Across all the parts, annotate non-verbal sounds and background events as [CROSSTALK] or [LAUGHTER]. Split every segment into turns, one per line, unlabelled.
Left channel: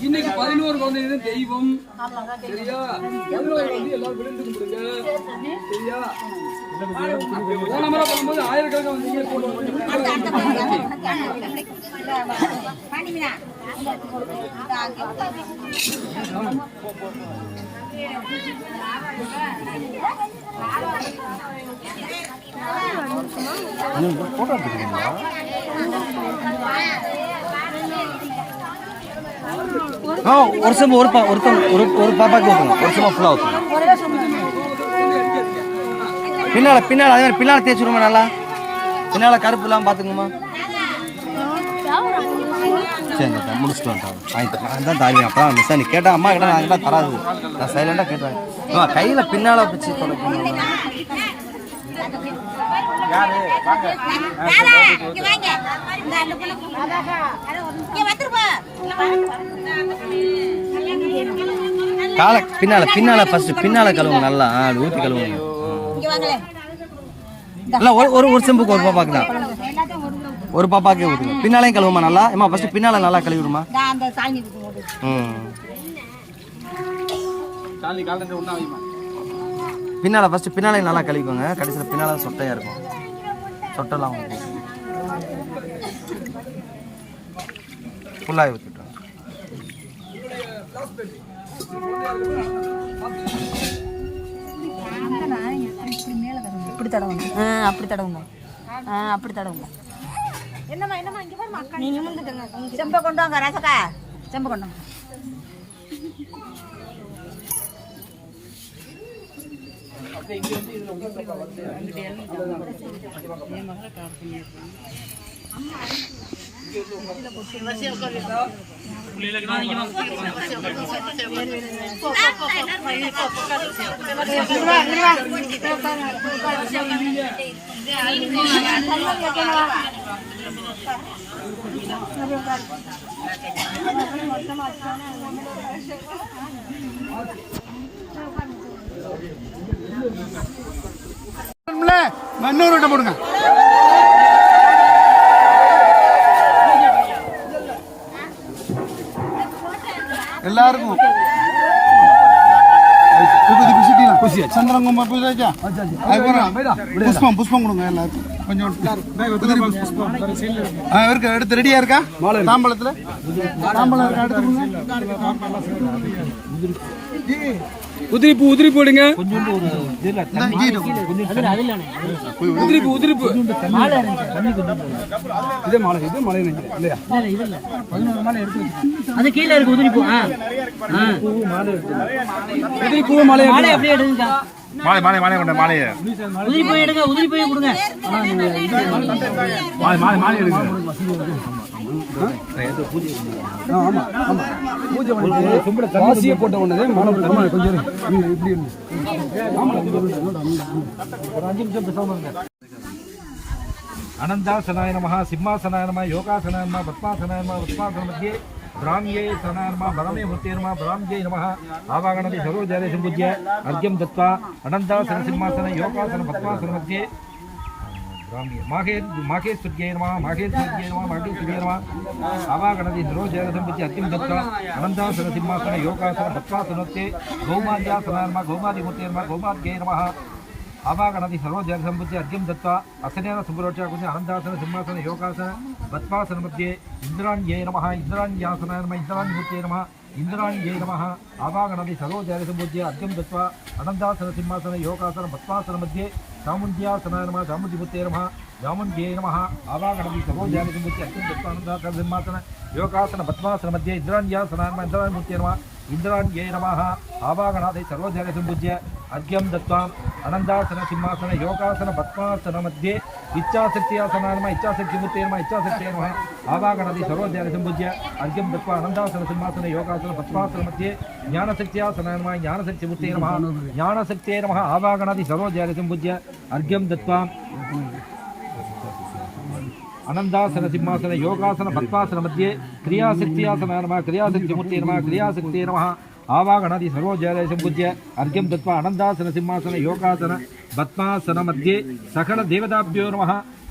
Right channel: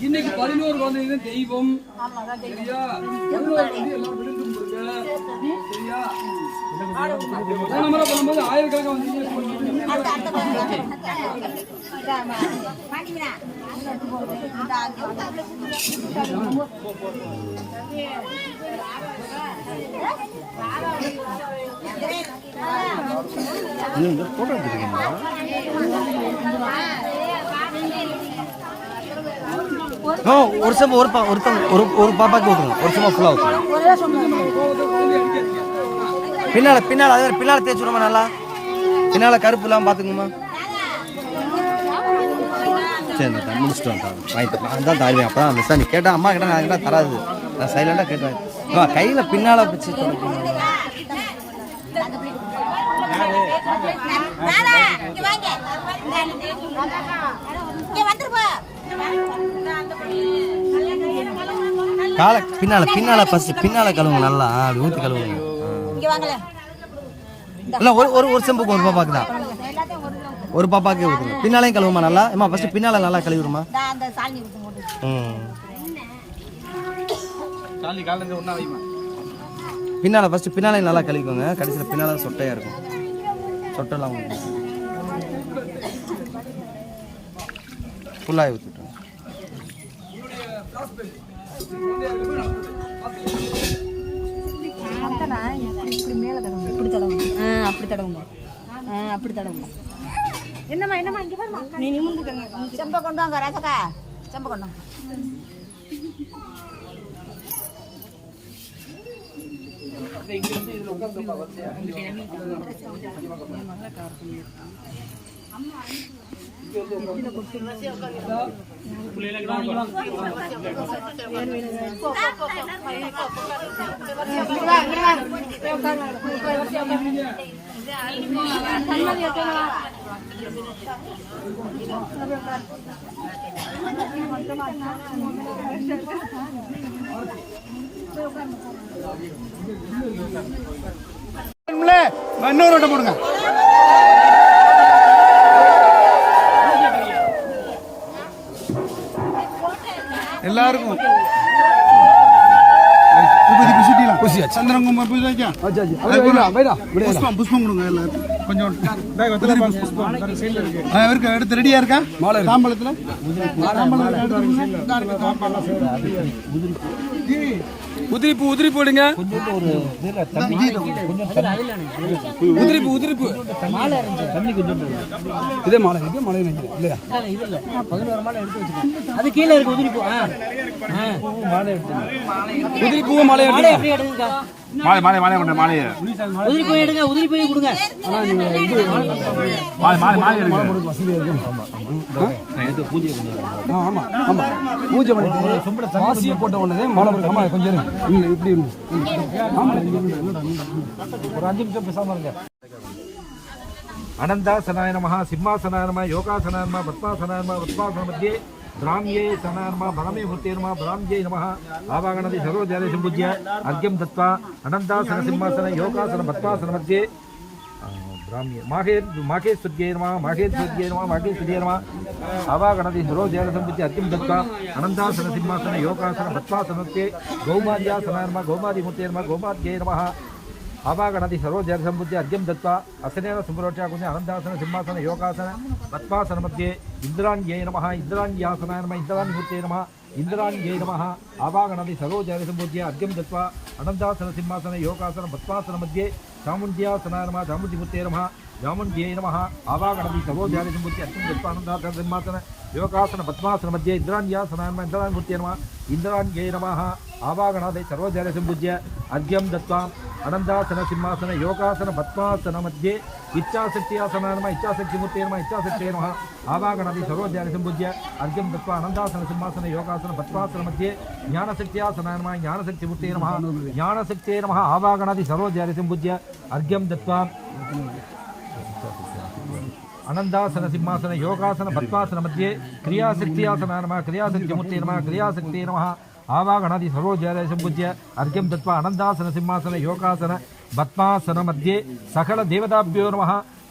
இன்னைக்கு பதினோரு குழந்தைங்க தெய்வம். சரியா? எல்லாரும் விழுந்து கொடுங்க சரியா? போன முறை வந்தீங்க போன முறை.
ஃபோட்டோ எடுத்துருக்கீங்களா ஆ ஒரு செம்பு ஒரு பா ஒருத்தன் ஒரு ஒரு பாப்பாக்கு ஊற்றுங்க ஒரு செம்பு ஃபுல்லாக ஊற்றுங்க பின்னால் பின்னால் அதே மாதிரி பின்னால் தேய்ச்சி விடுமா நல்லா பின்னால் கருப்பு இல்லாமல் பார்த்துக்குமா சரி நான் முடிச்சுட்டு வந்துட்டாங்க வாங்கிட்டு நான் தான் தருவேன் அப்போ தான் மிஸ் நீ கேட்டேன் அம்மா கிட்ட நான் கிட்ட தராது நான் சைலண்டாக கேட்டேன் அம்மா கையில் பின்னால் பிடிச்சி கொடுக்கணும் காலை பின்னால பின்னால ஃபர்ஸ்ட் பின்னால கழுவுங்க நல்லா. ஊற்றி கழுவுங்க. இல்ல ஒரு ஒரு ஒரு செம்புக்கு ஒரு பாப்பாக்கு தான். ஒரு பாப்பாக்கே ஊற்றுங்க பின்னாலையும் கழுவுமா நல்லா? ஏமா ஃபர்ஸ்ட் பின்னால நல்லா கழுவிடுமா? ம்.
சாலி காலைல இருந்து ஒண்ணா வைமா
பின்னால ஃபர்ஸ்ட் பின்னாலையும் நல்லா கழுவிக்கோங்க. கடைசியில் பின்னால சொட்டையா இருக்கும். சொட்டெல்லாம் ஃபுல்லாக [LAUGHS] ஊற்றிட்டோம்
இப்படி மேல தடவுங்க இப்படி தடவுங்க ஆ அப்படி தடவுமா ஆ அப்படி தடவுங்க என்னம்மா என்னம்மா இங்க பாருமா நீ நிமிர்ந்துட்டுங்க செம்ப கொண்டு வாங்க ரசக்கா செம்ப கொண்டு வாங்க
மன்னூர் வட்டம் போடுங்க. எல்லாருக்கும். புகுதி புசிட்டிலாம் புசி சந்திரங்குமார் பூஜாச்சா அதுக்கப்புறம் புஷ்பம் புஷ்பம் கொடுங்க எல்லாருக்கும். கொஞ்சம் புஷ்பம் ஆ, இருக்கு எடுத்து ரெடியா இருக்கா? தாம்பளத்துல தாம்பளம் இருக்கா. எடுத்து
உதிரிப்பு உதிரிப்பு விடுங்க. உதிரிப்பு உதிரிப்பு. இதே மாலை இதே மாலை இல்லையா?
அது கீழே இருக்கு உதிரி பூ ஆ.
உதிரி பூ மாலை
மாலை அப்படியே எடுங்க.
மாலை மாலை மாலை கொண்ட மாலையை.
உதிரி பூ எடுங்க உதிரி பூ கொடுங்க.
மாலை மாலை மாலை எடுங்க.
பூஜை பண்ணிட்டு வாசியை போட்ட உடனே மாலை அம்மா, கொஞ்சம் இருங்க. இப்படி ஒரு அஞ்சு நிமிஷம் இருங்க
அனந்தாசனாய சிம்மாசனாய நம யோகாசனாய நம பத்மாசனாய நம பத்மாசன மத்தியே பிராமியே சனாய பரமே பிராமியே நம ஆவாகணதி சரோஜாரே சம்புஜ்ய அர்க்கியம் தத்வா அனந்தாசன சிம்மாசன யோகாசன பத்மாசன மத்தியே బ్రాహ్మీ మాహే మాకే స్థుత్యై నమ మాకే స్థుత్యై నమ మాకే స్థుత్యై నమ అవాగణది సరోజాల సంపత్తి అత్యం దత్వ అనంతాసన సింహాసన యోగాసన దత్తాసనోక్తే గౌమాద్యాసన నమ గౌమాదిమూర్తి నమ గౌమాద్యై నమ అవాగణది సరోజాల సంపత్తి అద్యం దత్వ అసనేన సుమరోచాకుని అనంతాసన సింహాసన యోగాసన దత్వాసన మధ్యే ఇంద్రాణ్యై నమ ఇంద్రాణ్యాసన నమ ఇంద్రాణ్యూర్తే నమ ఇంద్రాణ్యై నమ అవాగణది సరోజాల సంపత్తి అద్యం దత్వ అనంతాసన సింహాసన యోగాసన దత్వాసన మధ్యే చాముండ్యా సనానమ చాముండి ముత్తే నమ. చాముండ్యే నమ. ఆవాగణపతి సర్వోజాని సంబుద్ధి అత్యంత ఆనంద నిర్మాతన யோகாசன பத்மாசன மத்திய இந்திரான்யாசனான்மா இந்திரான்மூர்த்தியன்மா இந்திரான்யே நமாக ஆவாகநாதை சர்வஜனகம் பூஜ்ய அர்க்யம் தத்வாம். அனந்தாசன சிம்மாசன யோகாசன பத்மாசன மத்தியே இச்சாசக்தியாசனான்மா இச்சாசக்தி மூர்த்தியன்மா இச்சாசக்தியே நம. ஆவாகநாதை சர்வஜனகம் பூஜ்ய அர்க்யம் தத்வா. அனந்தாசன சிம்மாசன யோகாசன பத்மாசன மத்தியே ஞானசக்தியாசனான்மா ஞானசக்தி மூர்த்தியே நம. ஞானசக்தியே நம. ஆவாகநாதி பூஜ்ய அர்க்யம் தத்வாம். అనందాసన సింహాసన యోగాసన భక్వాసన మధ్యే క్రియాశక్తియాసన నమ క్రియాశక్తిమూర్తి నమ క్రియాశక్తి నమ ఆవాగణాది సర్వోజాలయ సంపూజ్య అర్ఘ్యం దత్వా అనందాసన సింహాసన యోగాసన భత్మాసన మధ్యే సకల దేవతాభ్యో నమ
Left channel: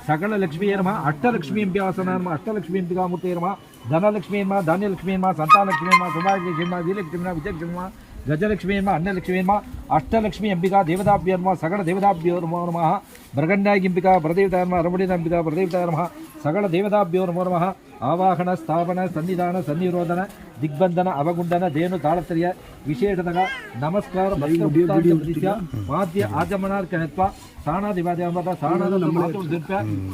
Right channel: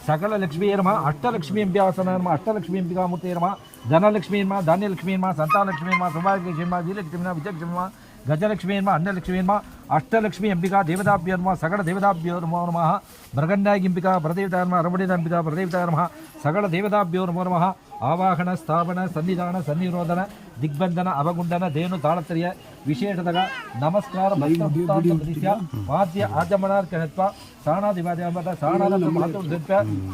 సకల లక్ష్మీ నమ అష్టలక్ష్మీ ఎంబ్యాసన నమ అష్టలక్ష్మీ ఎంపికామూర్తి నమ ధనలక్ష్మీ నమ ధాన్యలక్ష్మీ నమ సంతానలక్ష్మీ నమ సౌభాగ్యక్షేమ విజయలక్ష్మీ విజయక్షేమ ಸಂತಾನಲಕ್ಷ್ಮೀನ್ಮ ಸೌಭಾಗ್ಯಲಕ್ಷ್ಮೀನ್ಮ ವೀರಲಕ್ಷ್ಮೀನ್ಮ ವಿಜಯಲಕ್ಷ್ಮೀನ್ಮ ಗಜಲಕ್ಷ್ಮೀನ್ಮ ಅನ್ನಲಕ್ಷ್ಮೀನ್ಮ ಅಷ್ಟಲಕ್ಷ್ಮಿ ಅಂಬಿಕಾ ದೇವತಾಭ್ಯೋ ನಮಃ ಸಕಲ ದೇವತಾಭ್ಯೋ ನಮೋ ನಮಃ ಭೃಗಂಡಾಗಿಂಬಿಕಾ ಪರದೇವತಾ ನಮಃ ರಮಣಿನಾಂಬಿಕಾ ಪರದೇವತಾ ನಮಃ ಸಕಲ ದೇವತಾಭ್ಯೋ ನಮೋ ನಮಃ ಆವಾಹನ ಸ್ಥಾಪನ ಸನ್ನಿಧಾನ ಸನ್ನಿರೋಧನ ದಿಗ್ಬಂಧನ ಅವಗುಂಡನ ದೇನು ತಾಳತ್ರಯ ವಿಶೇಷದಗ ನಮಸ್ಕಾರ ರೀತ್ಯ ವಾದ್ಯ ಆಚಮನಾರ್ಚನತ್ವ ಸಾಣಾದಿವಾದ್ಯಮತ ಸಾಣಾದ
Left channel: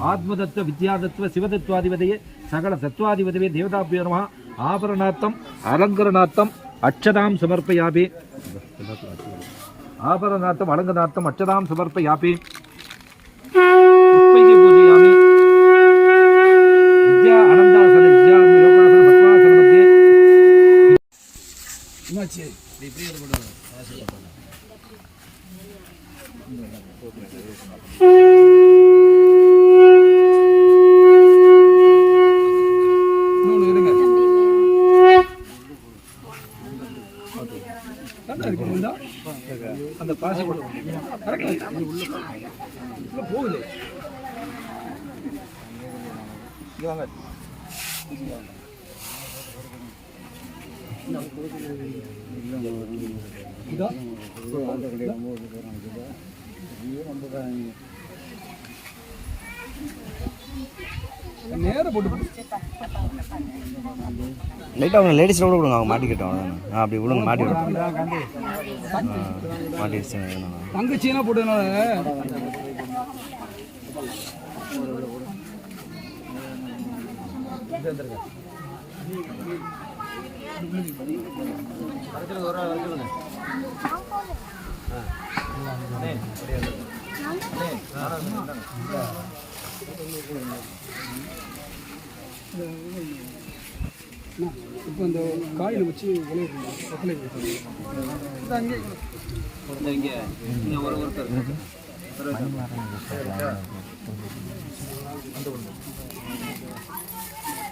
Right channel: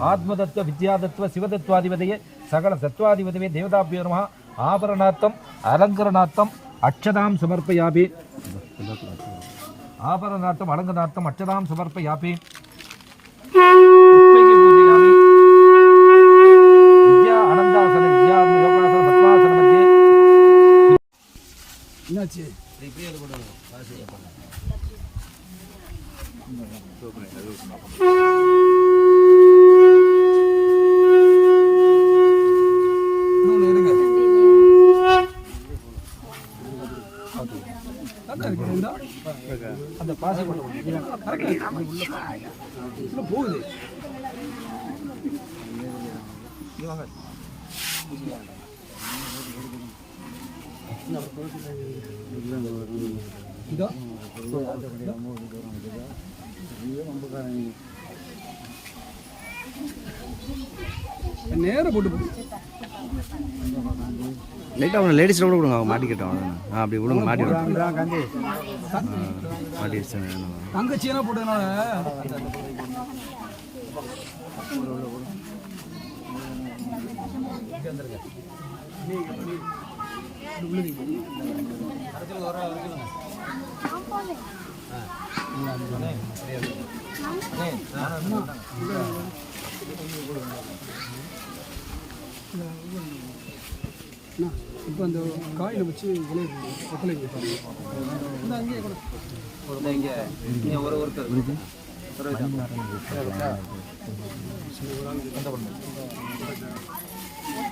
ಆತ್ಮದತ್ವ ವಿದ್ಯಾದತ್ವ ಶಿವದತ್ವಾಧಿಪತಿಯೇ ಸಕಲ ತತ್ವಾಧಿಪತಿಯೇ ದೇವತಾಭ್ಯೋ ನಮಃ ಆಭರಣಾರ್ಥಂ ಅಲಂಕರಣಾರ್ಥಂ
அச்சதாம் சமர்ப்பயாபி. ஆபரநாத்தம் அலங்கநாத்தம் அச்சதாம் சமர்ப்பயாபி. அந்த பாசி போடு. உள்ள போகுது இதா நேர போட்டு போடு.
லைட்டாக அவங்க லேடிஸ் கூட கொடுங்க அவங்க மாட்டிக்கிட்டோம் அவ்வளோதானே ஆ அப்படி விடுங்க. மாட்டி மாட்டிடுச்சு வேணும்.
தங்கச்சியெல்லாம் போட்டதுனால. இப்போ இந்த காயில் வச்சு விளையாடுறோம் ஒப்பலை இந்த அங்கே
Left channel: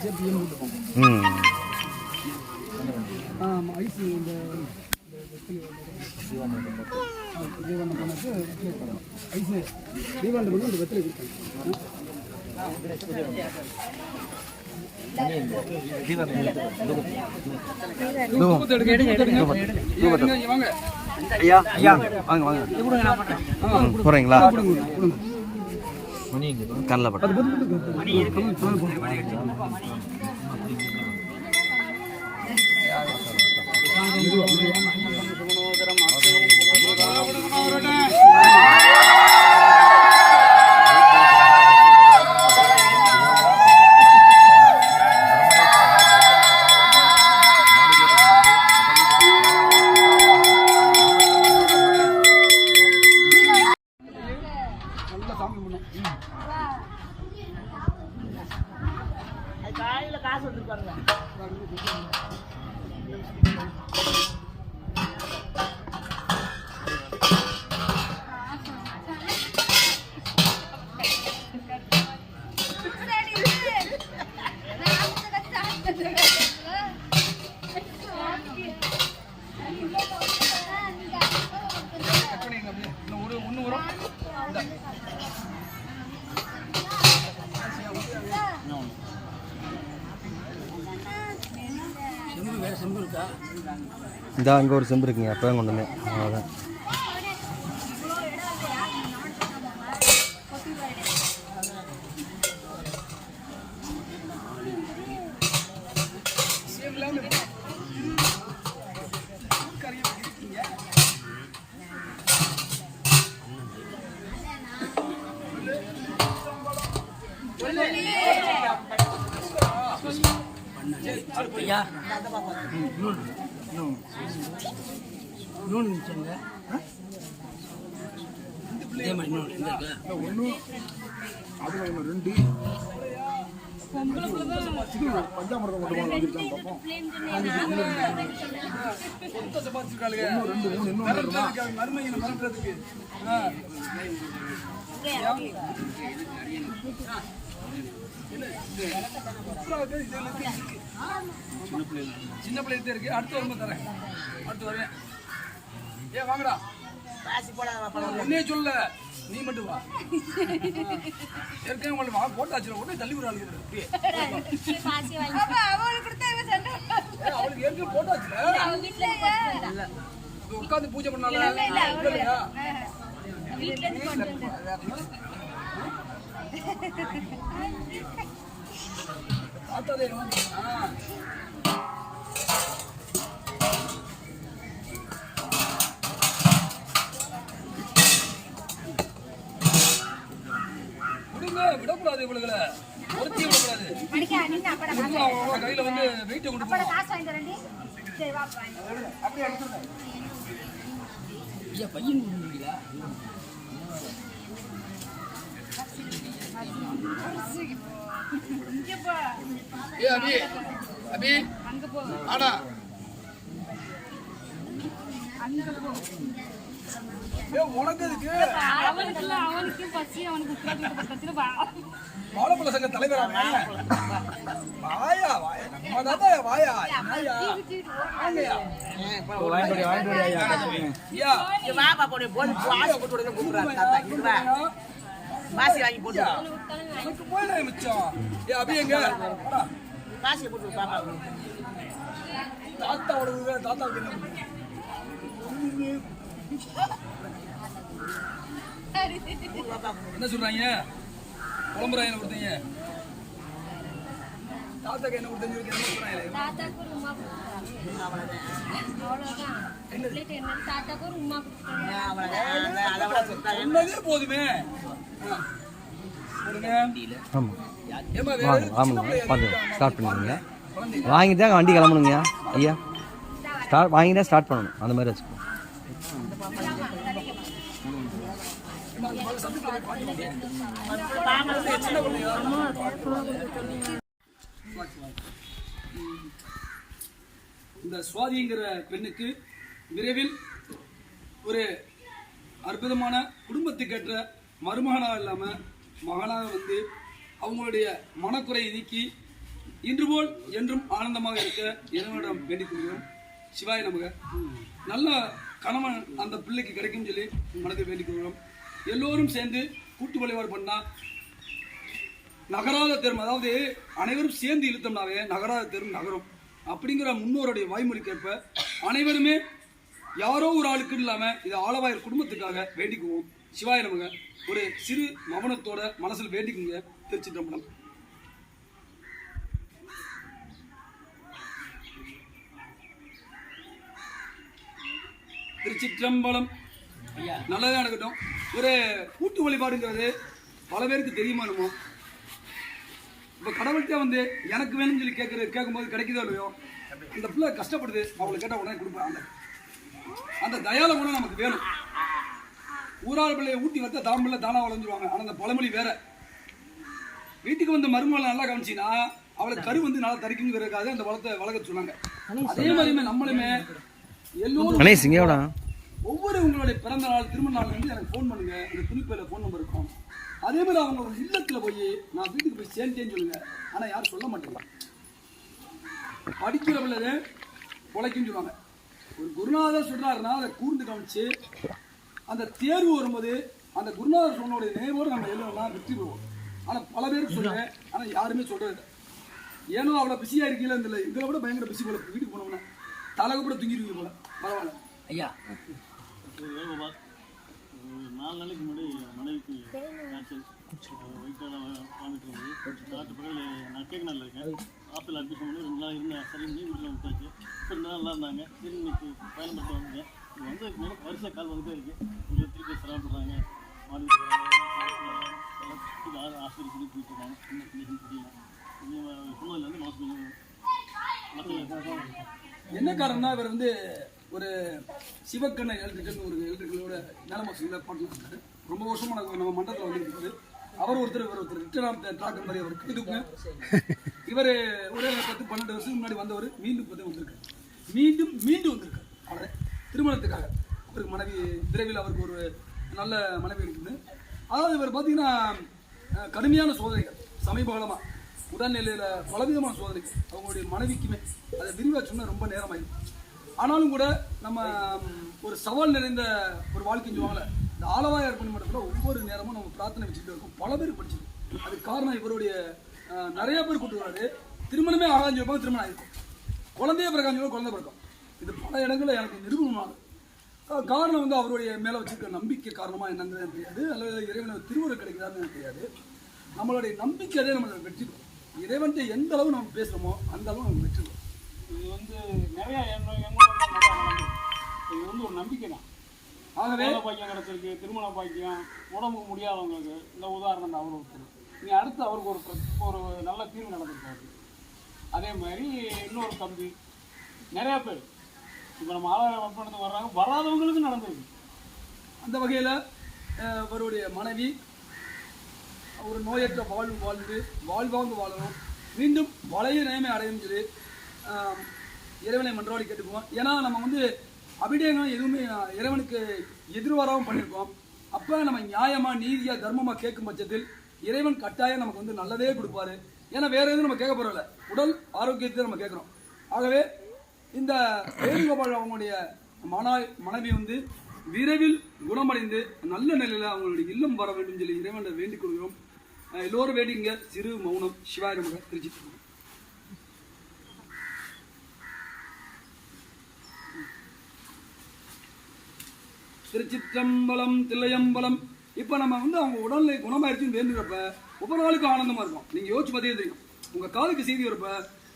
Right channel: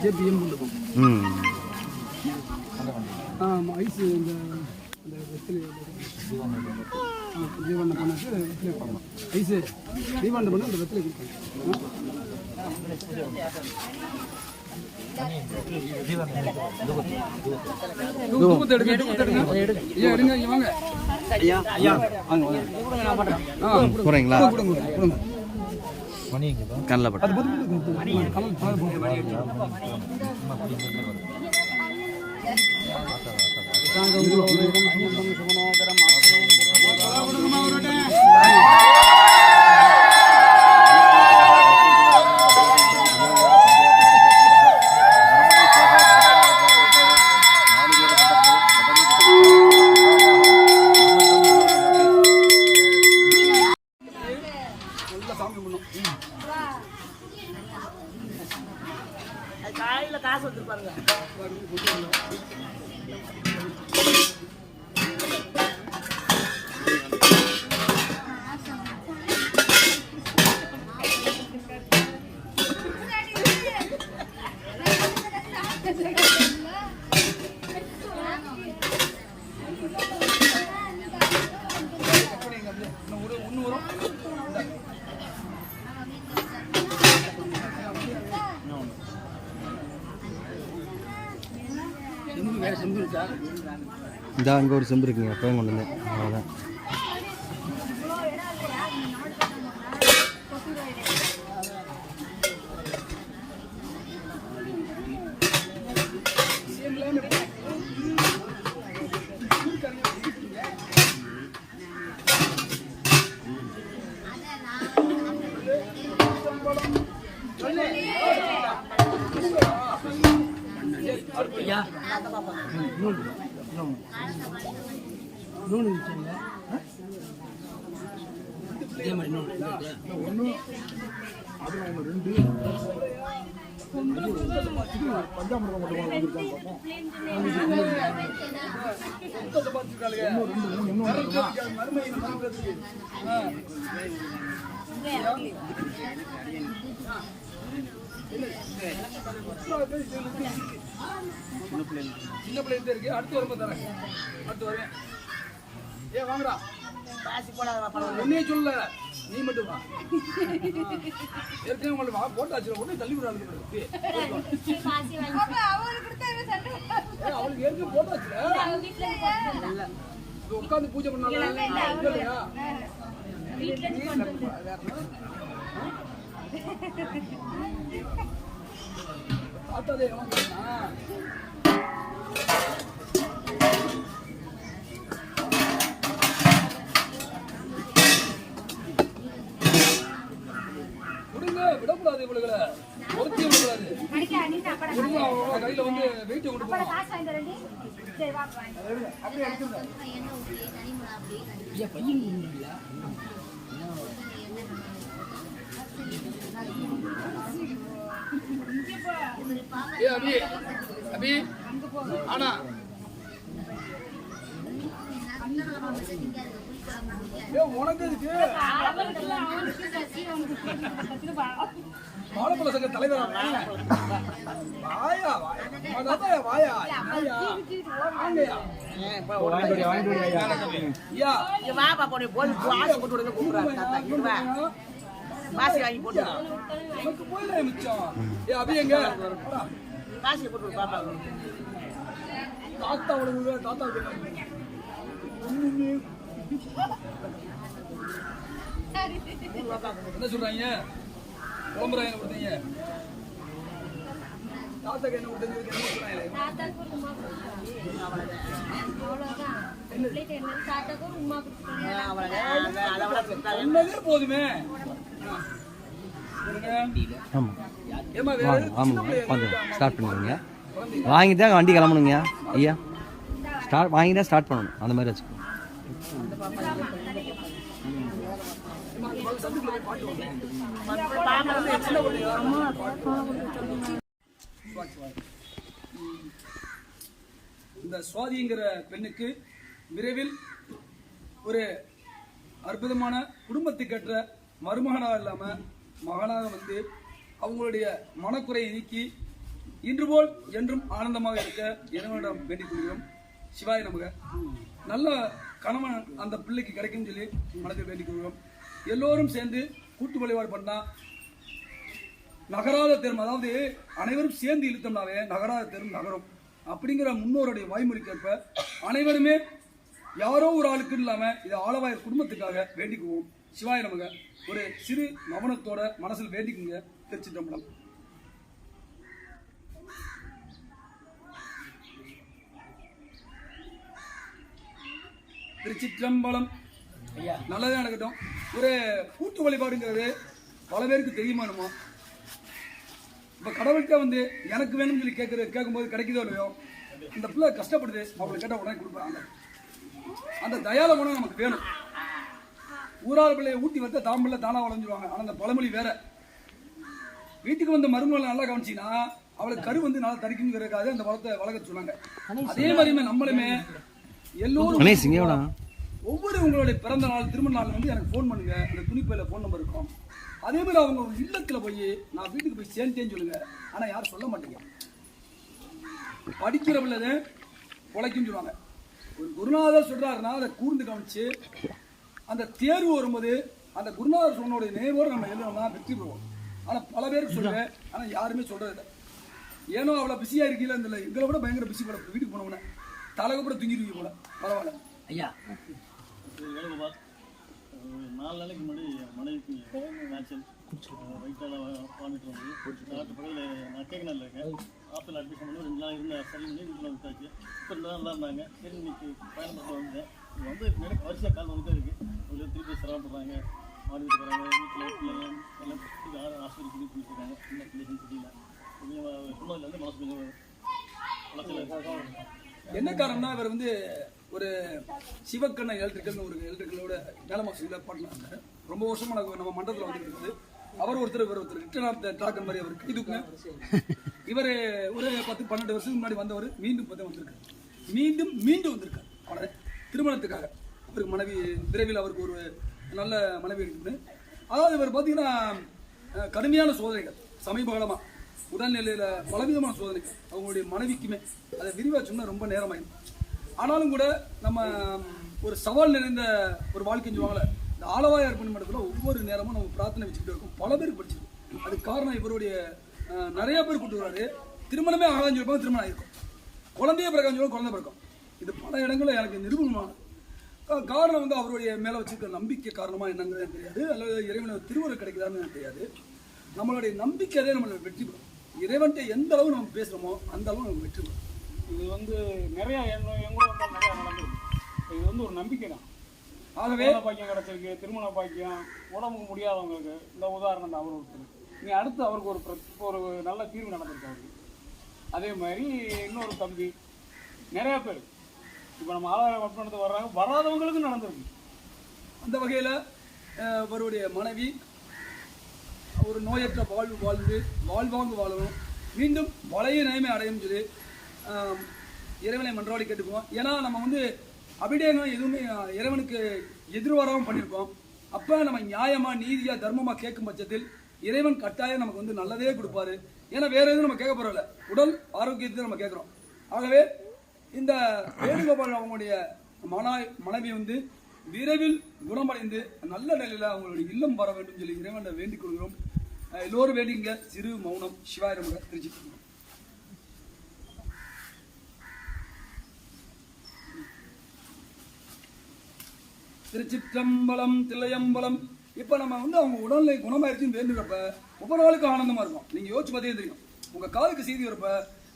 ஜேபிஎம் இருக்கும்
ம்
ஆமாம் ஐஸ் இந்த இந்த வெத்திலை ஜீவண்ண பண்ணது வெத்திலை பண்ணணும் ஐஸு ஜீவண்ண பண்ணி இந்த வெத்திலை கொடுக்கணும் தூக்கத்தை எடுங்க தூக்கத்தை எடுங்க. ஐயா எடுங்க இங்க வாங்க.
ஐயா ஐயா. வாங்க வாங்க.
கொடுங்க
கண்ணில் பட்டு.
நல்லா
அங்கே ஒரு செம்பு இருக்குங்க அப்போ தான் கொண்டு வந்தேன். அவ்வளோதான்
சொத்தை சம்பாதிச்சிருக்காளுங்க. மிரட்டுறதுக்கு, அவங்க மருமகனை மிரட்டுறதுக்கு. ஆ. சின்ன பிள்ளை இருக்கு அடுத்து வரும்போது தரேன் அடுத்து வரேன் ஏ வாங்கடா. உன்னையே சொல்ல நீ மட்டும் வா. ஏற்கனவே உங்களுக்கு வா. போட்டாச்சு உடனே தள்ளி விட ஆளுக்கு அப்படியே அவளுக்கு ஏற்கனவே போட்டாச்சுல இது உட்காந்து பூஜை பண்ணால இல்லையா? பார்த்ததே ஏமாத்திட்டா? விடக்கூடாது இவளுகளை ஒருத்திய விடக்கூடாது. கையில வந்து வெயிட்டை கொண்டு போகணும். பையன் ஏ அபி அபி ஆனா வாழைப்பழ சங்க தலைவர். வாயா வாயா. வாயா.
வாசி வாங்கி போட்டு
மிச்சம். ஏ அபி எங்க.
வாசியை போட்டு பாப்பா.
தாத்தா உடம்பு தாத்தா என்ன சொல்றாங்க? குழம்புறாங்க என்ன கொடுத்தீங்க? தாத்தாக்கு என்ன கொடுத்தீங்க? என்ன சொல்றாங்க போதுமே.
வாங்க ஆமாங்க பார்த்து? ஸ்டார்ட் பண்ணிடுங்க. வாங்கிட்டு தான் வண்டி கிளம்பணுங்க. ஐயா ஸ்டார்ட் வாங்கி தான் ஸ்டார்ட் பண்ணணும். அந்த மாதிரி வச்சுக்கோ.
இந்த சுவாதிங்கிற பெண்ணுக்கு விரைவில் ஒரு அற்புதமான குடும்பத்துக்கேற்ற மருமகனாக இல்லாமல் மகனாக வந்து அவங்களுடைய மனக்குறையை நீக்கி இன்று போல் என்றும் ஆனந்தமாக இருக்க இறைவனிடம் வேண்டிக் கொள்கிறோம். சிவாய நமக. நல்ல கணவன் அந்த பிள்ளைக்கு கிடைக்கும் சொல்லி மனதை வேண்டிக் கொள்கிறோம் எல்லோரும் சேர்ந்து கூட்டு வழிபாடு பண்ணால் நகராத தெரும் அதாவது அனைவரும் சேர்ந்து இழுத்தோம்னாவே நகராத தெரும் நகரும். அப்படிங்கிற முன்னோருடைய வாய்மொழிக்கேற்ப அனைவருமே யாரோ ஒரு ஆளுக்கு இல்லாமல் இது ஆளவாயர் குடும்பத்துக்காக வேண்டிக்குவோம். சிவாய ஒரு சிறு மவனத்தோட மனசில் வேண்டிக்குங்க. திருச்சிட்டம்பலம் திருச்சிற்றம்பலம். நல்லதா நடக்கட்டும். ஒரு கூட்டு வழிபாடுங்கிறது பல பேருக்கு தெரியுமா என்னமோ? இப்போ கடவுள்கிட்ட வந்து எனக்கு வேணும்னு சொல்லி கேட்குற கேட்கும்போது கிடைக்குதோ இல்லையோ? அந்த பிள்ளை கஷ்டப்படுது. அவங்களுக்கு கேட்டால் உடனே கொடுப்பேன் அந்த தயால குணம் நமக்கு வேணும். ஊரார் பிள்ளையை ஊட்டி வச்சா தாம்பிள்ள தானா வளைஞ்சிருவாங்க ஆனால் அந்த பழமொழி வேற. வீட்டுக்கு வந்த மருமகளை நல்லா கவனிச்சின்னா அவளுக்கு கரு வந்து நல்லா தரிக்குங்கிறதுக்காக அந்த வளத்தை வளர்க்க சொன்னாங்க. அதே மாதிரியுமே நம்மளுமே
கணேஷ் இங்கேயோடா
ஒவ்வொரு உங்களுடைய பிறந்த நாள் திருமண நாள் வந்து எனக்கு ஃபோன் பண்ணுங்க. அந்த துணிப்பையில் ஃபோன் நம்பர் இருக்கும். அதே மாதிரி அவங்க உங்க இல்லத்துல போய் நான் வீட்டுக்கு போய் சேர்ந்தேன்னு சொல்லுங்க. ஆனா யாரும் சொல்ல மாட்டேங்க. படிக்கிற பிள்ளை உழைக்கும் சொல்லுவாங்க. ஒரு குருநாதர் சொல்றாருன்னா அதை கூர்ந்து கவனிச்சு அந்த தேர்வு வரும்போது அந்த குருநாதர் சொன்னோட நினைவோடு நம்ம எழுதலாம் வெற்றி பெறுவோம். ஆனா பல பேருக்கு சொல்லுவேன் ஆனா யாருமே சொல்றது இல்லை ஏனோ அவ்வளோ பிஸியாக இருக்கீங்களா இந்த எங்களை விட பயங்கர பிஸி போல. வீட்டுக்கு போனோம்னா. தலை கூட தூங்கிடுவீங்க போல. பரவாயில்ல.
ஐயா.
நாலு நாளைக்கு முன்னாடி மனைவிக்கு காய்ச்சல் வயிற்றால வாமிட்டு வந்து டாக்டர் பக்கத்தில் நான் கேட்கனால இருக்கேன். ஹாஸ்பிட்டல் அட்மிஷன் பண்ணி ரெண்டு நாள் இருந்தேன் சரி பண்ணி வீட்டில் விட்டாச்சு இப்போ ரெண்டு நாள் நல்லா இருந்தாங்க. சரி இன்னைக்கு பயணப்பட்டு வந்தேன். இது வந்து எனக்கு வரிசையாக கால் வந்துட்டே இருக்குது கொஞ்சம் திருப்பி சிரமப்படுறாங்க. மாடிட்டு பிள்ளைங்க எல்லாம் ஹாஸ்பிட்டல் கூட்டிட்டு போயிட்டு இருக்காங்க பிள்ளைங்க தெரியல. கொஞ்சம் சொன்னதுல வந்து மனசு கொஞ்சம்
என்ன காரணம்னா இவர் வந்து ஒரு சிவக்கண்ண எலக்ட்ரிக்கல் ஒரு எலக்ட்ரிக்கலோட வேலை மாசத்தில் பண்ணலாம் ரொம்ப வருஷமா எனக்கு நம்ம மண்டலத்தில் வந்து அவர் ஒருத்தர் இவர் ஒருத்தர் ரிட்டர்ன் ஆஃப் த டாக்டர் மாதிரி அவருக்கு இதுக்கு இவர் ஒரு பத்து பன்னெண்டு வருஷத்துக்கு முன்னாடி வந்தவர் மீண்டும் இப்போ வந்திருக்காரு. மீண்டும் மீண்டும் வந்திருக்காரு. அவர் திருமணத்துக்காக. அவருக்கு மனைவி விரைவில் அவருக்கு ஒரு நல்ல மனைவி இருக்குது அதாவது இவர் பார்த்தீங்கன்னா கடுமையான சோதனைகள் சமீப காலமாக உடல்நிலையில் பலவிதமான சோதனைகள். அவங்களுடைய மனைவிக்குமே அதை விரிவாக சொன்னால் ரொம்ப நேரமாயிடும். ஆனாலும் கூட நம்ம ஒரு சவால் நிறைந்த ஒரு வாழ்க்கைன்னு சொல்லுவாங்கல்ல இந்த ஆலவாயார் மடத்தில் ஒவ்வொரு நேரமும் நம்ம பிரார்த்தனை வச்சுட்டு இருக்கோம். பல பேர் படிச்சிருக்கோம் அது காரணம் இவருடைய நிறைய பேர் கூட்டு வராரு. திருமணமே ஆகாஞ்சு வைப்பாங்க திருமணம் ஆயிருக்கும் குழந்தைய பிறக்காஞ்சு குழந்தை பிறக்கும். இது பல இடங்களில் எனக்கு நிரூபணம் காரணம் வந்து அவருடைய மேலே வச்சிருக்க நம்பிக்கை காரணமா என்னங்கிறது எனக்கு தெரியாது. அல்லது இறைவனோட திருவருள் கிடைக்குதான்னு எனக்கு தெரியாது. நம்மளுடைய நம்பிக்கை அதே நம்மளை வெற்றி இறைவன்ட்டு எந்த அளவு நம்ம பேசுகிறோமோ அந்த அளவு நம்ம வெற்றி
இது வந்து நிறைய என்ன எங்களும் வந்து நடந்தது. இது வந்து ஒரு நம்பிக்கை தான்
ஆகவே
பாக்கியம் கிடைச்சிருக்கு திருமண பாக்கியம் உடம்புக்கு முடியாதவங்களுக்கு இந்த உதாரணம் தான் அவர் ஒருத்தர். நீ அடுத்து அவருக்கு ஒரு ஒரு நல்ல தீர்வு நடந்திருக்காரு. அதே மாதிரி இன்னொரு தம்பி நிறைய பேர். இப்போ நம்ம ஆதார வப்பனத்துக்கு வர்றாங்க. வராதவங்களுக்கும் நடந்திருக்கு.
அந்த வகையில அவருடைய மனைவி ஒரு நோயற்ற வாழ்வு வாழ்ந்து வாழ்வாங்கு வாழணும். மீண்டும் பழைய நிலைமை அடையும் சொல்லி இறைவனை மன்றாடி கேட்டுக்குவோம். ஏன்னா நம்ம வந்து அபிடேகம் எதுவுமே இறைவனுக்கு எதிர்வராமல் பண்ணியிருக்கோம் அப்போ நம்ம நியாயமாக நீதியாக தர்மமாக கேட்கும் பட்சத்தில் இறைவன் கட்டாயம் நமக்கு வந்து நல்லதே கொடுப்பாரு. ஏன்னா வேற எதுவும் நம்ம கேட்க போறோம்ல உடல் ஆரோக்கியத்தை நம்ம கேட்குறோம். ஆகவே இந்த வேணுகோபால் அவங்களுடைய மன மனைவி வந்து விரைவில் குணமடைந்து நல்ல நிலையில் அவங்களுடைய இல்லம் வர வேண்டும் சொல்லி இறைவனை வேண்டிக் கொள்கிறோம். எல்லோரும் வேண்டிங்க சிறு மௌனம். சிவாயிரமாக திருச்சி. திருச்சிற்றம்பலம் தில்லையம்பலம். இப்போ நம்ம வந்து அவங்க உடல்நிலை குணமாயிருச்சுன்னு வேண்டுகிறப்ப ஒவ்வொரு நாளுக்கும் ஆனந்தமாக இருக்கும் நீங்கள் யோசிச்சு பார்த்தே தெரியும். உங்கள் காலுக்கு செய்தி வரப்ப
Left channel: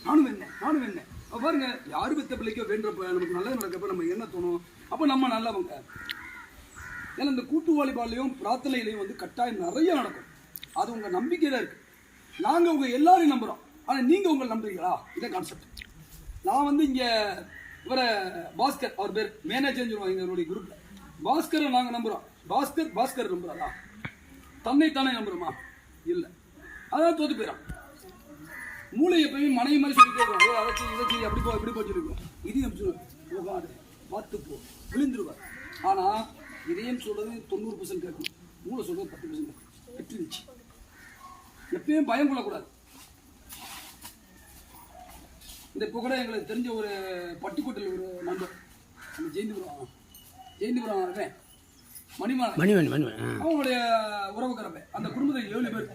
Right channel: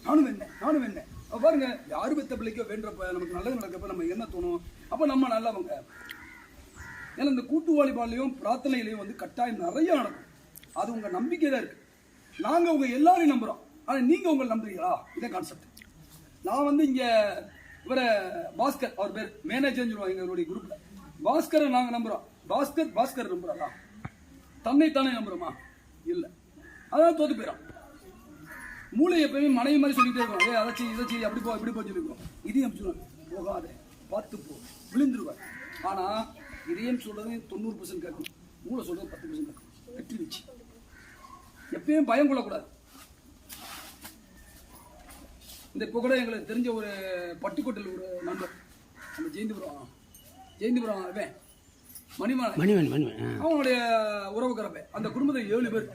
நானும் வேண்டேன் நானும் வேண்டேன் அப்ப பாருங்க யாரு பெத்த பிள்ளைக்கோ வேண்டப்ப நமக்கு நல்லது நடக்கப்ப நம்ம என்ன தோணும்? அப்போ நம்ம நல்லவங்க. ஏன்னா இந்த கூட்டு வாலிபாலையும் பிரார்த்தனையிலையும் வந்து கட்டாயம் நிறைய நடக்கும். அது உங்கள் நம்பிக்கை தான் இருக்குது நாங்கள் உங்கள் எல்லாரையும் நம்புகிறோம் ஆனால் நீங்கள் உங்களை நம்புறீங்களா? இதான் கான்செப்ட் நான் வந்து இங்கே இவரை பாஸ்கர் அவர் பேர் மேனேஜர்னு சொல்லுவாங்க எங்களுடைய குரூப்பில் பாஸ்கரை நாங்க நம்புறோம். பாஸ்கர் பாஸ்கர் நம்புறாரா? தானே நம்புறோமா? இல்ல. அதான் தோத்து போயிடும் மூளை எப்பயுமே மனைவி மாதிரி சொல்லிட்டே இருக்கோம். ஏ அதை செய்ய இதை செய்ய அப்படி போ இப்படி போச்சு இருக்கோம். இதையும் சொல்லுவாங்க போகாத. பார்த்து போ. விழுந்துருவார். ஆனா இதையும் சொல்றது தொண்ணூறு பர்சன்ட் கேட்கும் மூளை சொல்றது பத்து பர்சன்ட் கேட்கும் வெற்றி வச்சு. எப்பயும் பயம் கொள்ளக்கூடாது. இந்த இப்போ கூட எங்களுக்கு தெரிஞ்ச ஒரு பட்டுக்கோட்டையில் ஒரு நண்பர். அந்த ஜெயந்திபுரம் ஜெயந்திபுரம் அவன் மணிமாறன்
மணிவன் மணிவன் ஆ.
அவங்களுடைய உறவுக்காரப்ப. அந்த குடும்பத்தில் ஏழு பேர்.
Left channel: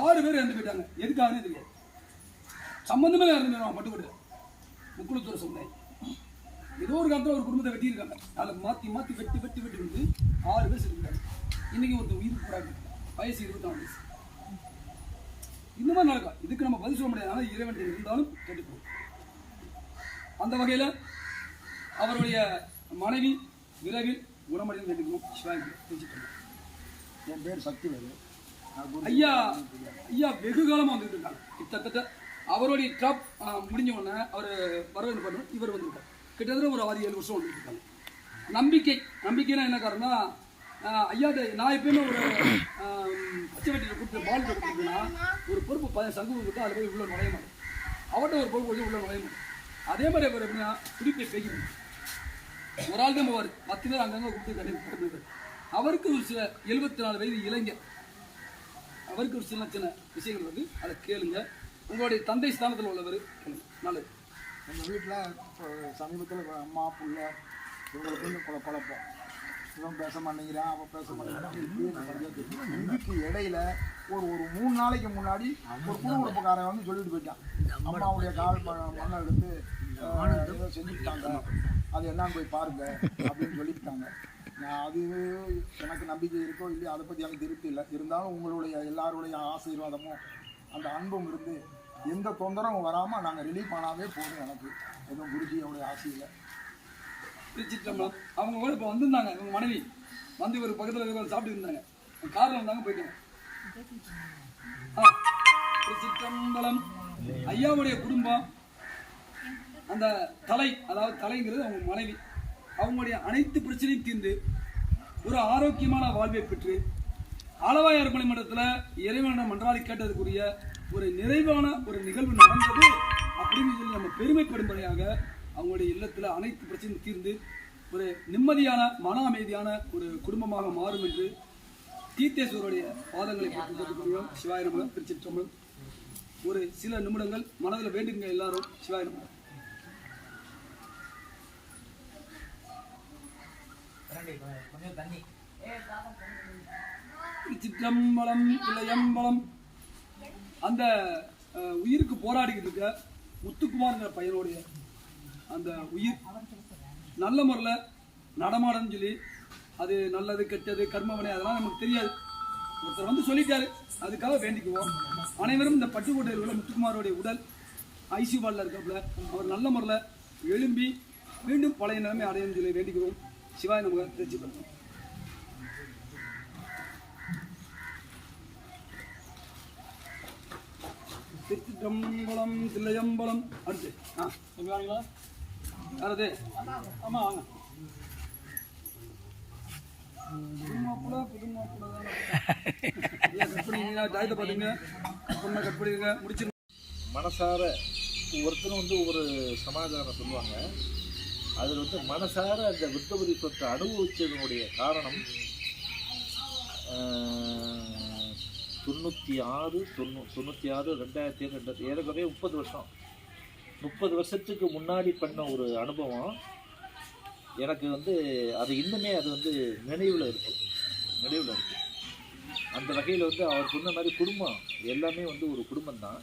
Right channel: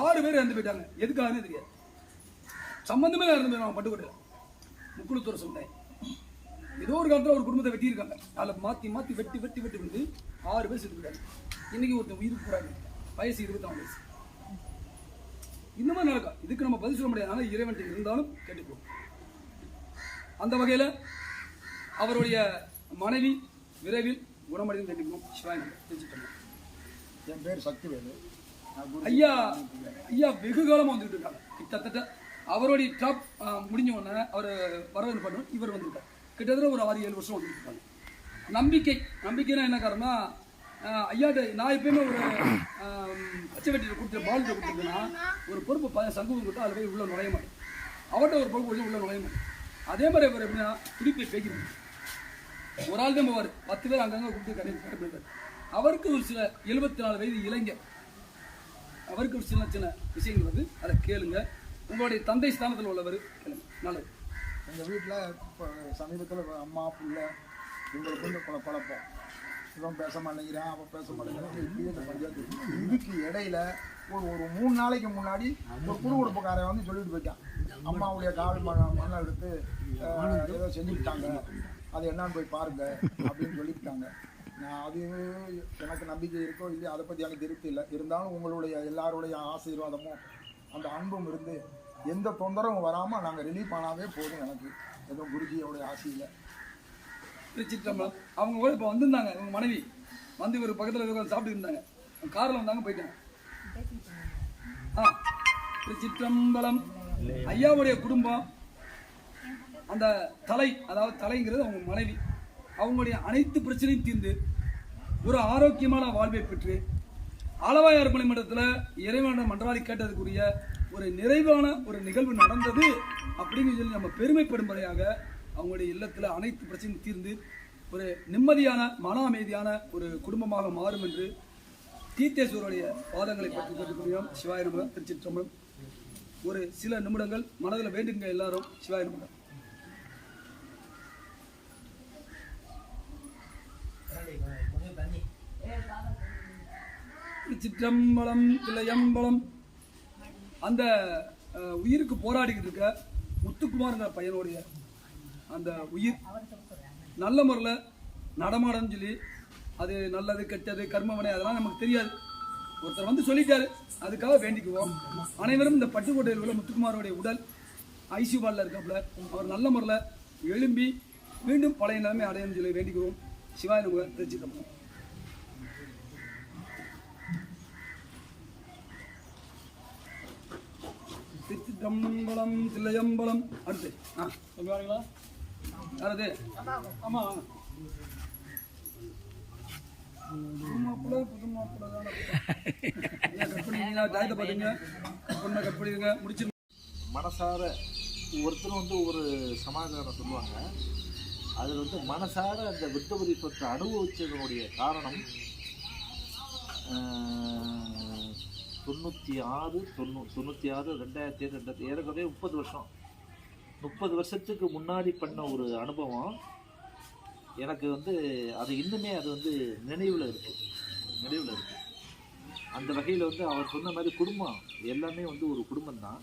ஆறு பேர் இறந்து போயிட்டாங்க. எதுக்காகன்னு தெரியாது. சம்பந்தமே இறந்து போயிடுவாங்க பட்டுக்கோட்டை. முக்குளத்தூர் சமுதாயம் ஏதோ ஒரு காலத்தில் ஒரு குடும்பத்தை வெட்டியிருக்காங்க. அதில் மாற்றி மாற்றி வெட்டி வெட்டி வெட்டி வந்து ஆறு பேர் செத்துக்கிட்டாங்க இன்னைக்கு ஒருத்தன் உயிர் போராடி வயசு இருபத்தாறு வயசு. இந்த மாதிரி நடக்கும். இதுக்கு நம்ம பதில் சொல்ல முடியாது. ஆனால் இறைவன் இருந்தாலும் கேட்டுக்கோ. அந்த வகையில் அவருடைய மனைவி விரைவில் குணமடைந்து வேண்டிக்கிறோம் சிவாஜி தெரிஞ்சுக்கணும்
என் பேர் சக்திவேலு.
ஐயா ஐயா வெகு காலமா வந்துட்டு இருக்காங்க கிட்டத்தட்ட அவருடைய டாப் முடிஞ்ச உடனே அவர் வரவேற்பு பண்ணணும் இவர் வந்துட்டார். கிட்டத்தட்ட ஒரு ஆறு ஏழு வருஷம் வந்துட்டு இருக்காங்க நம்பிக்கை நம்பிக்கைனா என்ன காரணம்னா ஆஹ், ஐயா நான் எப்பயுமே ஒரு பச்சை வெட்டியில் கொடுத்து பால் கொடுத்துருக்கேன்னா ஒரு பொறுப்பு ப சங்கம் கொடுத்தா அதில் போய் உள்ள நுழைய மாட்டேன். அவர்கிட்ட ஒரு பொறுப்பு வச்சு உள்ள நுழைய மாட்டேன். அதே மாதிரி அவர் எப்படின்னா துடிப்பை பேக்கி ஒரு ஆள் தான் போவார். பத்து பேர் அங்கங்கே கூப்பிட்டு அவருக்கு ஒரு சில எழுபத்தி நாலு வயது இளைஞர். அவருக்கு ஒரு சின்ன சின்ன விஷயங்கள் வந்து அதை கேளுங்க. உங்களுடைய தந்தை ஸ்தானத்தில் உள்ளவர். நல்லது.
எங்கள் வீட்டில் இப்போ சமீபத்தில் அம்மா பிள்ளை இவங்களுக்கு வந்து கொலை குழப்பம். இவன் பேச மாட்டேங்கிறான் அவன் பேச மாட்டேங்கிறான். இதுக்கு இடையில ஒரு ஒரு மூணு நாளைக்கு முன்னாடி ஒரு குழு உறுப்புக்காரன் வந்து சொல்லிட்டு போயிட்டான். அம்மாவுடைய கால் மண்ணை எடுத்து ஏதோ செஞ்சுக்கிட்டாங்க. அது என்னன்னு போய் பாருங்க அப்படின்னு சொல்லியிருக்காங்க. நான் அது எனக்கு நம்பிக்கை இருக்கோ இல்லையோ அதை பற்றி எனக்கு திருப்தி இல்லை. இருந்தாலும் உங்களுடைய எல்லாருடைய ஆசீர்வாதமும் அந்த அன்பும் இருந்து எந்த தொந்தரவும் வராமல் நாங்கள் ரிலீஃப் ஆனாவே போதும் எனக்கு. எதுவும் குருஜியோடைய ஆசையில்.
திருச்சிற்றம்பலம் அவங்க கூட இப்போ வந்திருந்தாங்க இவங்க மனைவி. வந்து ஒரு பக்கத்தில் இருக்கிற சாப்பிட்டு இருந்தாங்க காரில் வந்தாங்க போயிட்டாங்க. ஆ திருச்சிற்றம்பலம். ஐயாவுடைய குடும்பம் அந்த தலை அதாவது தலைங்கிறது அவங்க மனைவி. அவங்களுடைய அனைத்து பிரச்சனையும் தீர்ந்து ஒரு ஆரோக்கியமான வாழ்வை பெற்று ஆலவாயார் மணிமண்டலத்தில் இறைவனிடம் மன்றாடி கேட்டதுக்குரிய ஒரு நிறைவான ஒரு நிகழ்வு நடந்தது அப்படின்னு சொல்லி நம்ம பெருமைப்படும்படியாக அவங்களுடைய இல்லத்தில் அனைத்து பிரச்சனையும் தீர்ந்து ஒரு நிம்மதியான மன அமைதியான ஒரு குடும்பமாக மாறும் என்று தீர்த்தேஸ்வருடைய பாதங்களை பற்றி கேட்டுக்கொள்கிறோம். சிவாய நமக திருச்சிற்றம்பலம். ஒரு சில நிமிடங்கள் மனதில் வேண்டுங்க எல்லாரும். சிவாய நமக திருச்சிற்றம்பலம் இளையம்பலம். அந்த உயிருக்கு போராடிக்கிட்டு இருக்க முத்துக்குமார்ங்கிற பையனுடைய அந்த உயிர் நல்ல முறையில் நடமாடன்னு சொல்லி அது நல்லது கெட்டது கர்மவனை அதெல்லாம் நமக்கு தெரியாது. ஒருத்தர் வந்து சொல்லிட்டாரு அதுக்காக வேண்டிக்குவோம். அனைவரும் இந்த பட்டுக்கோட்டையில் உள்ள முத்துக்குமாரோடைய உடல் ஐசியூ வார்டில் இருக்காப்புல அவர் நல்ல முறையில் எழும்பி மீண்டும் பழைய நிலைமை அடையணும்னு சொல்லி வேண்டிக்குவோம். சிவாய் நம்ம தெரிஞ்சுக்கணும். திருச்சிற்றம்பலம் தில்லையம்பலம். அடுத்து ஆ
தம்பி
யாரது?
ஆமா வாங்க.
மனசார ஒருத்தரும் வந்து ஒரு சமாதானம் சொல்லுவாங்க. அதில் வந்து மனசார அந்த விருத்தபுரி சொத்தை அனுபவித்ததனுடைய காரணம் தொண்ணூற்றி ஆறு தொண்ணூ தொண்ணூற்றி ஆறு ரெண்டாயிரத்தி ஏழு ரெண்டாயிரத்தி ஏறக்குறைய முப்பது வருஷம். முப்பது வருஷத்துக்கு முன்னாடி பண்ண ஒரு அனுபவம். எனக்கு வந்து அது இன்னுமே அது வந்து நினைவில் இருக்குது நினைவில் இருக்குது அந்த வகையில் வந்து அவர் சொன்ன மாதிரி குடும்பம் எல்லாமே வந்து ஒரு குடும்பம் தான்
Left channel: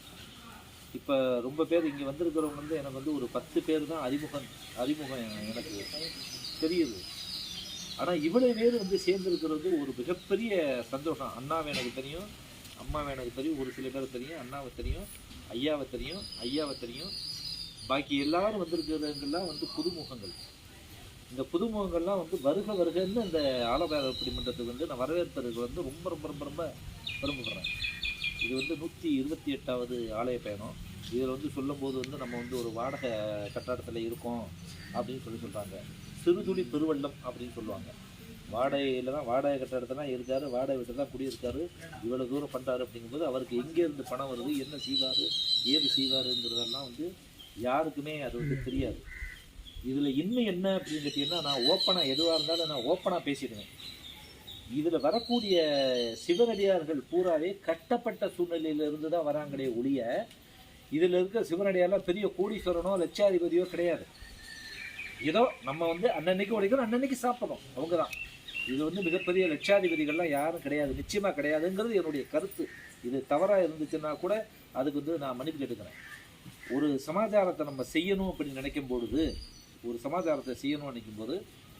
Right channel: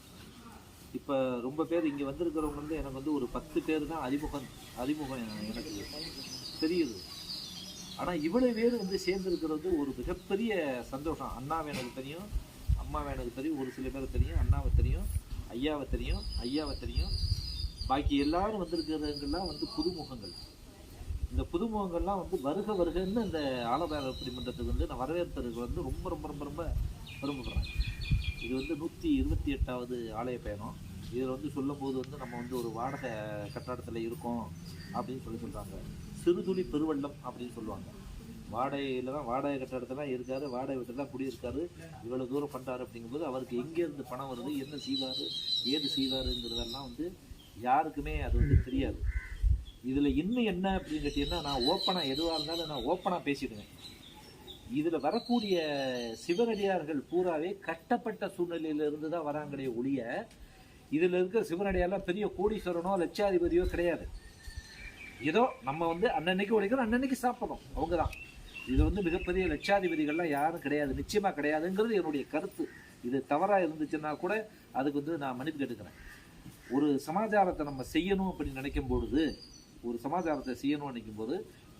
இப்போ ரொம்ப பேர் இங்கே வந்திருக்கிறவங்க வந்து எனக்கு வந்து ஒரு பத்து பேர் தான் அறிமுகம் அறிமுகம் எனக்கு தெரியுது. ஆனால் இவ்வளோ பேர் வந்து சேர்ந்துருக்கிறது ஒரு மிகப்பெரிய சந்தோஷம். அண்ணாவை எனக்கு தெரியும் அம்மாவை எனக்கு தெரியும் ஒரு சில பேர் தெரியும் அண்ணாவை தெரியும் ஐயாவை தெரியும் ஐயாவை தெரியும். பாக்கி எல்லாரும் வந்திருக்கிறவங்கெல்லாம் வந்து புதுமுகங்கள். இந்த புதுமுகங்கள்லாம் வந்து வருக வருகன்னு இந்த ஆலோபாக மன்றத்துக்கு வந்து நான் வரவேற்பதற்கு வந்து ரொம்ப ரொம்ப ரொம்ப ரொம்ப விரும்பப்படுறேன் இது வந்து நூற்றி இருபத்தி எட்டாவது ஆலய பயணம். இதில் வந்து சொல்லும்போது வந்து நம்ம வந்து ஒரு வாடகை கட்டடத்தில் இருக்கோம் அப்படின்னு சொல்லி சொல்கிறாங்க சிறுதுளி பெருவள்ளம் அப்படின்னு சொல்லுவாங்க. வாடகையில் தான் வாடகை கட்டடத்தில் தான் இருக்கார் வாடகை வீட்டில் தான் குடியிருக்காரு. இவ்வளோ தூரம் பண்ணுறாரு அப்படிங்கும்போது அவருக்கு எங்கேருந்து பணம் வருது என்ன செய்வார் ஏது செய்வாருங்கிறதெல்லாம் வந்து யாருக்குமே அது வந்து தெரியாது. இதில் இன்னும் என்ன அப்படின்னு கேட்டிங்கன்னா நான் ஓப்பனாக எதுவாக இருந்தாலும் நான் ஓப்பனாக பேசிடுவேன். இதில் வரக்கூடிய சிவனடியார்கள் பூராவே கட்டப்பட்ட சூழ்நிலையிலிருந்து தான் வராங்களே ஒழிய இதில் இருக்க சிவனடியாரெலாம் பெரிய கோடீஸ்வரனோ லட்சாதிபதியோ கிடையாது. ஏதோ நம்ம வந்து அன்னன்னைக்கு உடைக்கிறோம் அன்னன்னைக்கு சாப்பிட்றோம் அவங்க தான் இது வந்து மிகப்பெரிய லட்சாதிபதிகள்லாம் யாரும் கிடையாது நிச்சயமாக கிடையாதுங்கிறது என்னுடைய கருத்து. இது தவறாக இருந்துச்சுன்னா கூட அதுக்கு வந்து நான் மன்னிப்பு கேட்டுக்கிறேன். ஒரு சமாச்சாரத்தை நம்ம செய்யணும் அப்படின்னு நினைக்கும் பொழுது ஒரு சமாச்சாரத்தை செய்யணும்னு நினைக்கும் போது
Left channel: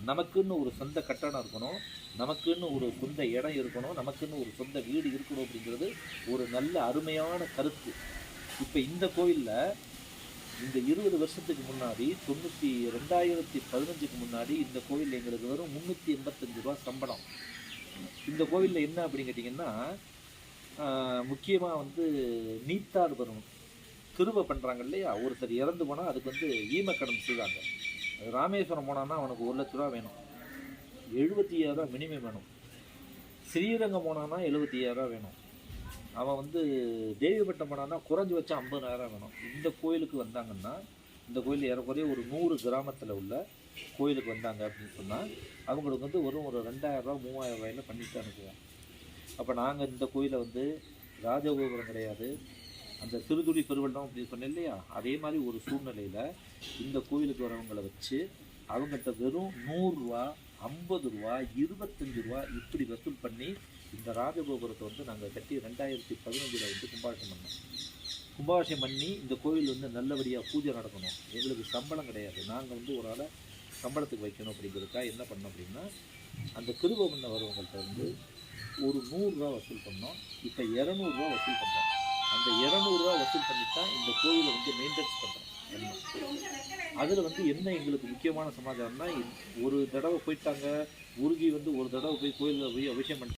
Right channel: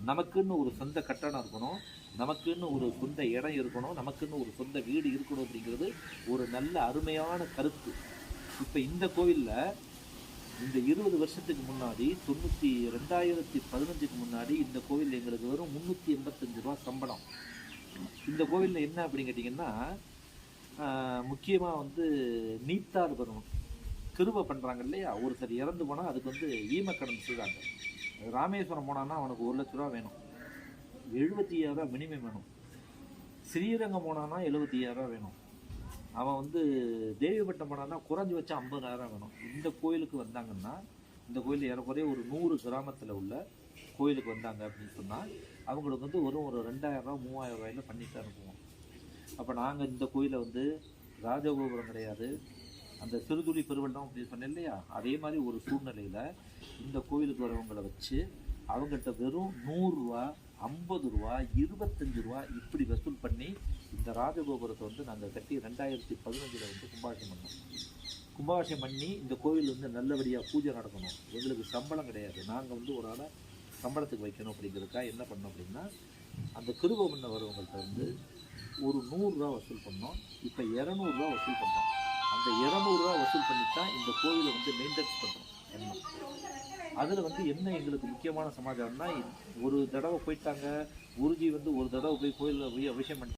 நமக்குன்னு ஒரு சொந்த கட்டணம் இருக்கணும் நமக்குன்னு ஒரு சொந்த இடம் இருக்கணும் நமக்குன்னு ஒரு சொந்த வீடு இருக்கணும் அப்படிங்கிறது ஒரு நல்ல அருமையான கருத்து. இப்போ இந்த கோவிலில் இந்த இருபது வருஷத்துக்கு முன்னாடி தொண்ணூற்றி ரெண்டாயிரத்தி பதினஞ்சுக்கு முன்னாடி இந்த கோவில் எங்களுக்கு வரும் முந்நூற்றி எண்பத்தஞ்சு ரூபா சம்பளம். இந்த கோவிலில் என்ன அப்படின்னு கேட்டிங்கன்னா முக்கியமாக வந்து நீத்தார் வரணும் கிருவை பண்ணுறாங்க இல்லையா? ஒருத்தர் இறந்து போனால் அதுக்கு வந்து ஈமக்கடன் செய்வாங்க. ராமேஸ்வரம் போனான்னா அவனுக்கு ஒரு லட்ச ரூபா வேணும். எழுபத்தி ஐயாயிரம் மினிமம் வேணும். ஸ்ரீரங்கம் போனான்னா எழுபத்தி ஐயாயிரரூவா வேணும். அவன் வந்து தேவிப்பட்டம் போனான்னா குறைஞ்சி வச்சா ஐம்பதாயிரம் வேணும். இந்த கோயிலுக்கு வந்தாங்கன்னா இந்த கோயில் ஏறக்குறைய ஒரு நூறு கிராமத்தில் உள்ள கோயிலுக்கு வந்தாங்க அப்படின்னு சொன்னால் அவங்களுக்கு வந்து வெறும் ஒரு ரெண்டாயிரரூவா மூவாயிரம் ரூபாயில பண்ணிட்டு அனுப்புவோம் அப்போ நாங்கள் இந்த கோயிலை வந்து ராஜகோபுரம் கிடையாது. அந்த சிறுதுளி பெருவெள்ளம் அப்படின்னு சொன்னேன் இல்லையா? அதே மாதிரி ஒரு சூழ்நிலையில் இந்த கோவிலுக்கு வரவங்களை வச்சு அவங்ககிட்ட வெறும் நூறுரூவா ஐம்பது ரூபா இருபத்தஞ்சு ரூபா இப்படி வசூல் பண்ணி இந்த ராஜகோபுரத்தை வந்து நாங்கள் கட்டி ரெண்டாயிரத்தி பதினஞ்சில் வந்து கும்பாபிஷேகம் பண்ணோம். கும்பாபிஷேகம் பண்ணி இந்த கோவில் வந்து நல்லபடியாக பூஜை நடக்கணும். எங்களுக்கு சம்பளம் கிடையாது. நாங்கள் வந்து ஒரு ஆளை சம்பளத்துக்கு வைக்கணும் அப்படிங்கிறதுக்காக என்ன பண்ணோம் அப்படின்னா அந்த கிருப பண்ண வரவங்கள்ட்ட வந்து ஒரு நூறுரூவா வசூல் பண்ணோம். இப்போ இரநூறுவா வசூல் பண்ணுறோம் அந்த இரநூறுவா வசூல் பண்ணி தான் இந்த கோவிலை வந்து மெயின்டைன்ஸ் பண்ணுறோம் அதில் வந்து என்ன எங்களுக்கு முக்கியமான சமாச்சாரம்னா ஒரு தடவை போயிட்டாங்க உருகி வந்து ஒரு தடவை போய் கோயிலில் போய் அபிஷேகம் பண்ணிட்டு